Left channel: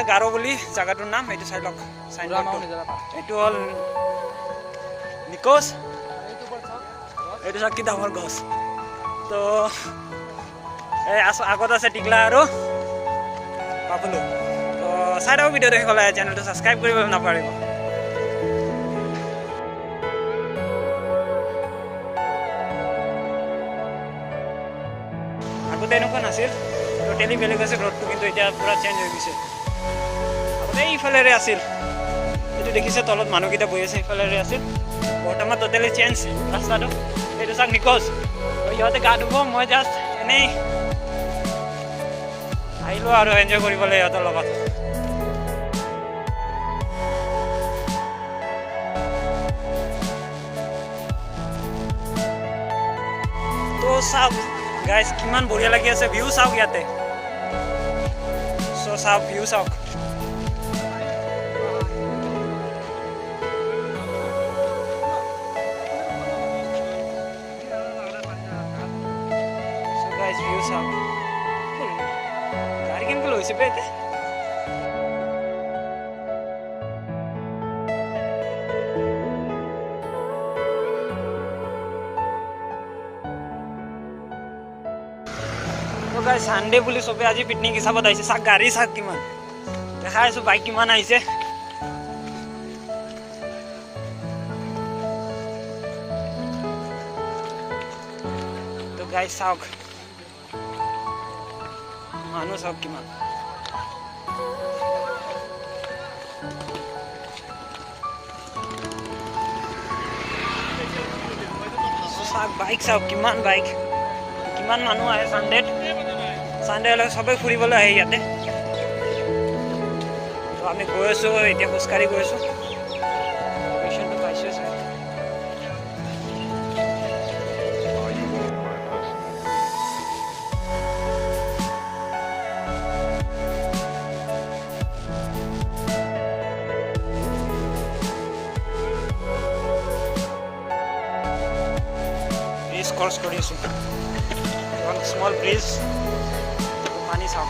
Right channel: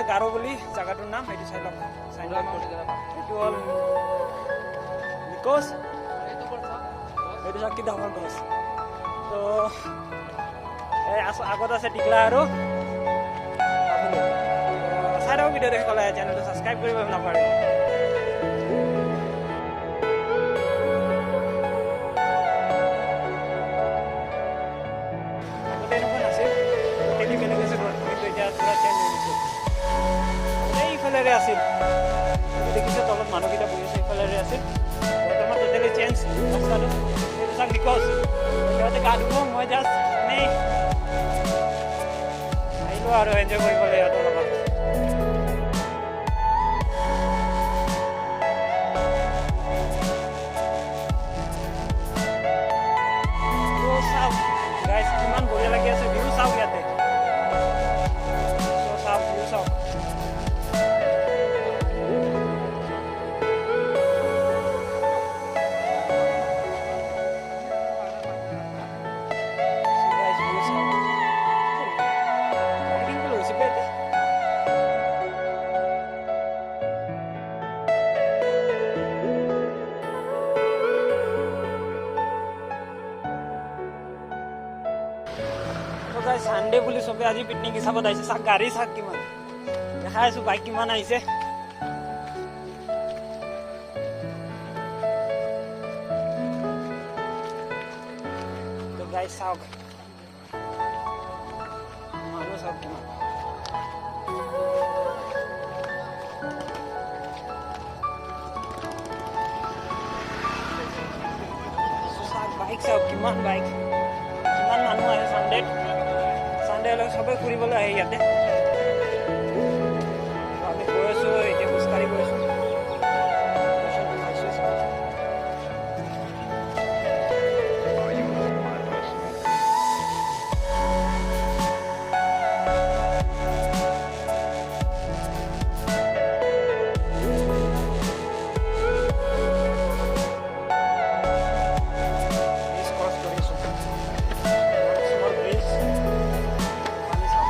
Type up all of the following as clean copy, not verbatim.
আছে গাৰো বুলি জায়গাটোৰ নাম এইটো চাই লওক সাইনবোর্ডটো এইটো হল নিকোজ এইটো চাক কি ডাঙৰ গছ তো এই আগত আছে টিকলা আৰু পাপুলো তো চাই থাকক ভিডিও দেখি গ'লে চেনেলটো সাবস্ক্রাইব কৰিবলৈ নাপাহৰিব আগতে এনেকুৱা নাছিল টোটেলি বেলেগ আছিল ৰোডটো কিন্তু এতিয়া পুৰা চেঞ্জ হৈ গৈছে আগতে এইফালেৰে আছিল এইটো দেখিছে তলত মানুহকেইটা বহি আছে এইফালেৰে আছিল বৰ্তমান টোটেলি চেঞ্জ ৰাস্তাটো এইটো চাক নিকোজ ইহঁতে গা ধুব মই জাষ্ট এনেই আহিলোঁ আৰু এনজয় কৰিবলৈ ইহঁতৰ লগত তো চাওক গাইজ কিমান বঢ়িয়া লাগি আছে ভিউ চাওক ইয়াতে চ' চাওক ভিউ চাওক চ' গাইজ ভিউ চাওক গাড়ী কেনেকৈ লৈছে বে ইয়াতে তো গাইজ সানডে বুলি চবে আজি পিকনিক হিচাপত আহিছে চাক গাড়ী চাক কিমান দেখাই আছো বাইক কিমান আহিছে তো গাইজ চাওক মানুহ চাওক কিমান চাওক বাইক চাওক কিমান বাইক কিমান মানুহ আহে সানডে হলে সবে ফুৰিবলৈ আহে ইয়াতে তো আমি গৈ আছো এতিয়া খোজকাঢ়ি গৈ আছো লোকেশ্যনটো পাইছোঁ চাই ব্ৰিজ ক্ৰছ কৰি আছো স্মল ব্ৰিজ পানী চাওক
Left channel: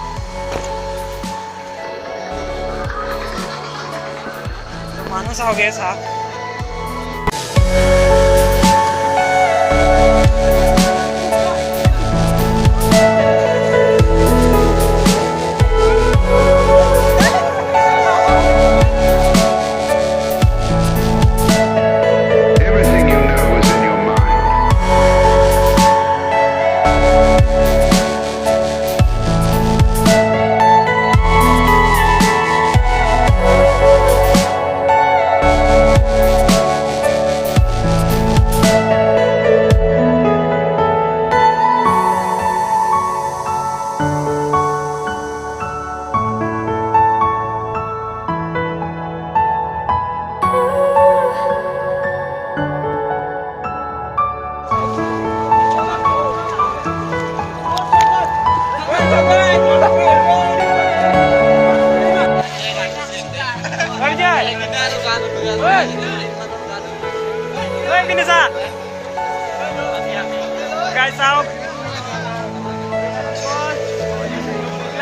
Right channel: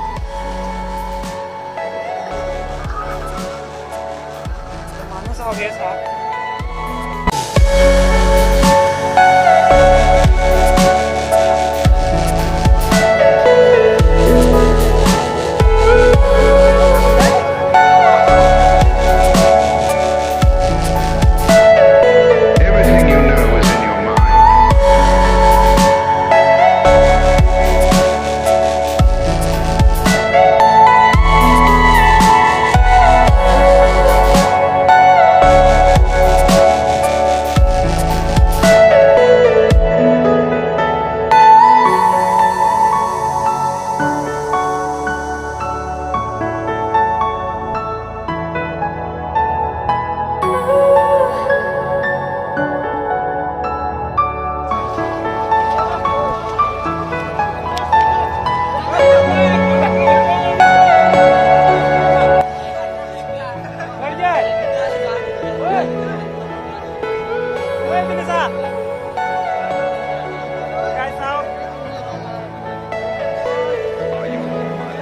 মানুহ চাওক এই চাওক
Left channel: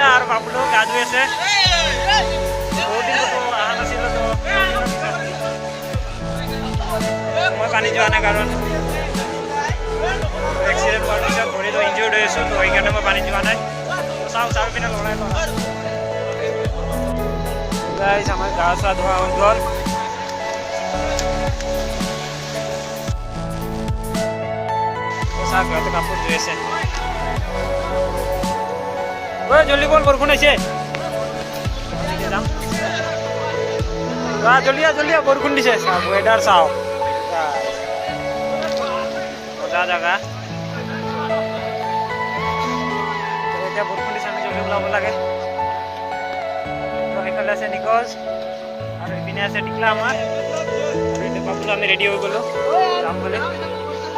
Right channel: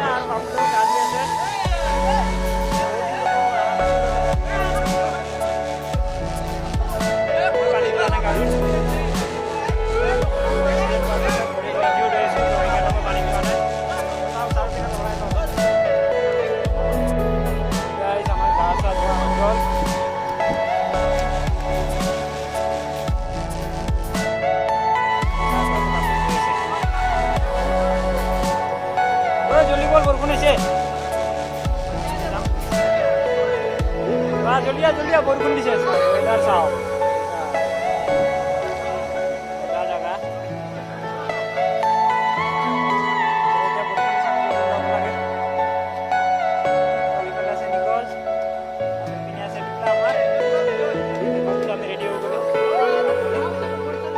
আৰু বাবুলো গা ধুই আছে বহুত দিন অহা নাছিলোঁ তো মই পানী যোৱা নাই কাৰণ এক্সিডেণ্ট হোৱাৰ পিছত ভৰিটো ইনজিয়ৰ্ড হৈ আছোঁ তো সেইকাৰণে মই পানী যোৱা নাই চাওক চাৰি পিনে লৰাই গাইজ আমাৰ গা চা ধোৱা হৈ গ'ল চাওক ঘৰতে কাপোৰ ধুই আছে ঐ জলদি বল বৰষুণ আহিছে যাম জলদি বৰষুণ দিছে চাওক ৱেডাৰ চাওক মজা জাগা এতিয়া বৰষুণ দিছে আমি জলদি ওলাব লাগে তো এইফালে আছে নিকোজ আৰু এইপিনে আছে টিকলা আমাৰ আৰু এতিয়া বাবুলো আমি ৰেডি হৈ গ'লো যাম বুলি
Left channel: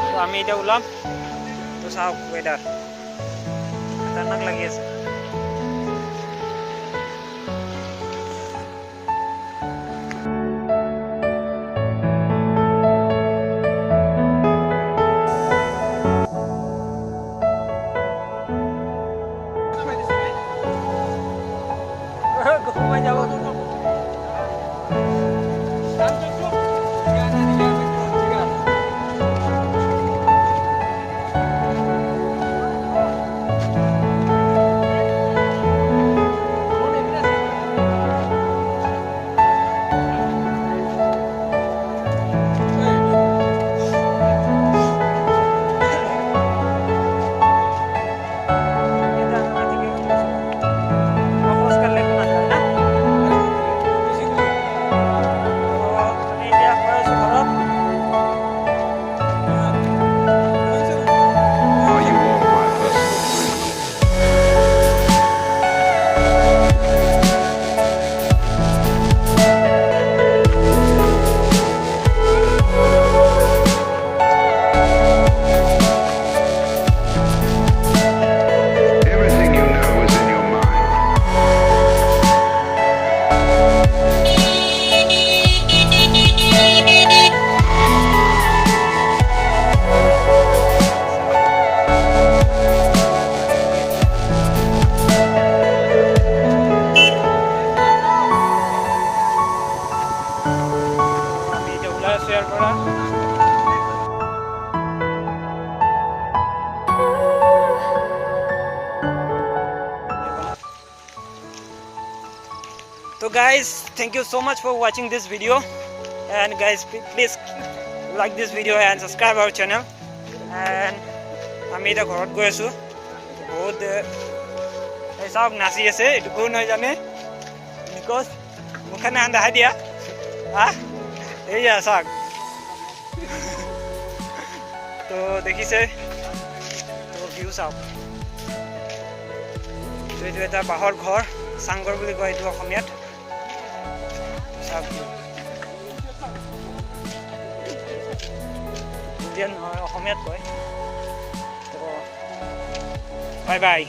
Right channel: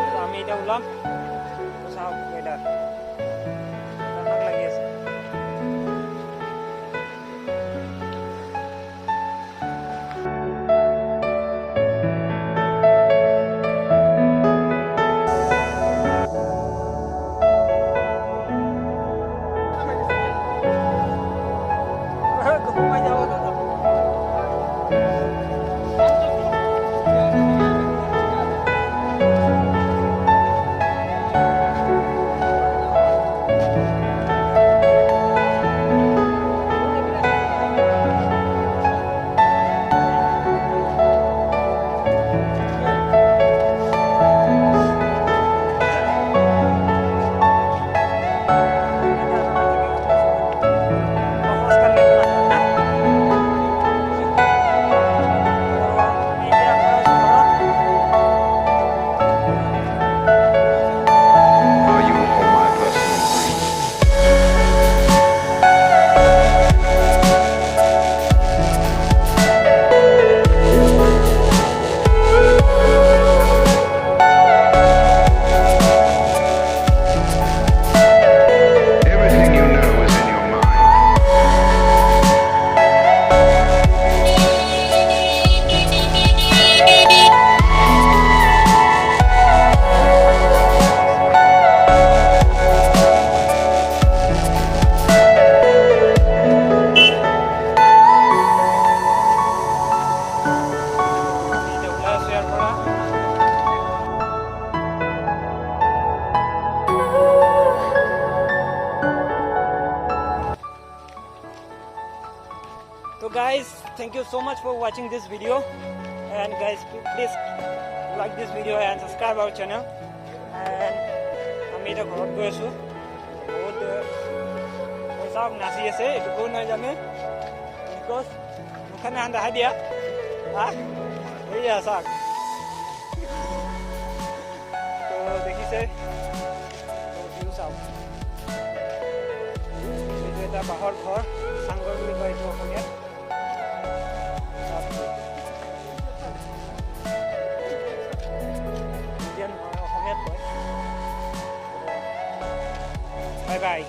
তো আমি এতিয়া ওলাম তো চাওক ৱেডাৰ খতৰনাক লাগি আছে সোমাই যাব ইয়াৰ পৰা So guys, thank you so much for watching this video, and guys please like this video and subscribe our channel. And আমি এটা ঘৰত গৈ আছো বহুত এই সব নাচি আছে এটু কোন হয় জানে নিকস মুখখানে আন দেখাই দিয়া এই যা সাক তো দেখিছে তো ভিউ চাওক তো এইটো এটা বাঁহৰ ঘৰ চাংঘৰ বুলি কয় এইটো অসমীয়াত চাওক ইণ্ডিয়ান অসমীয়াত কয় তো বাই বাই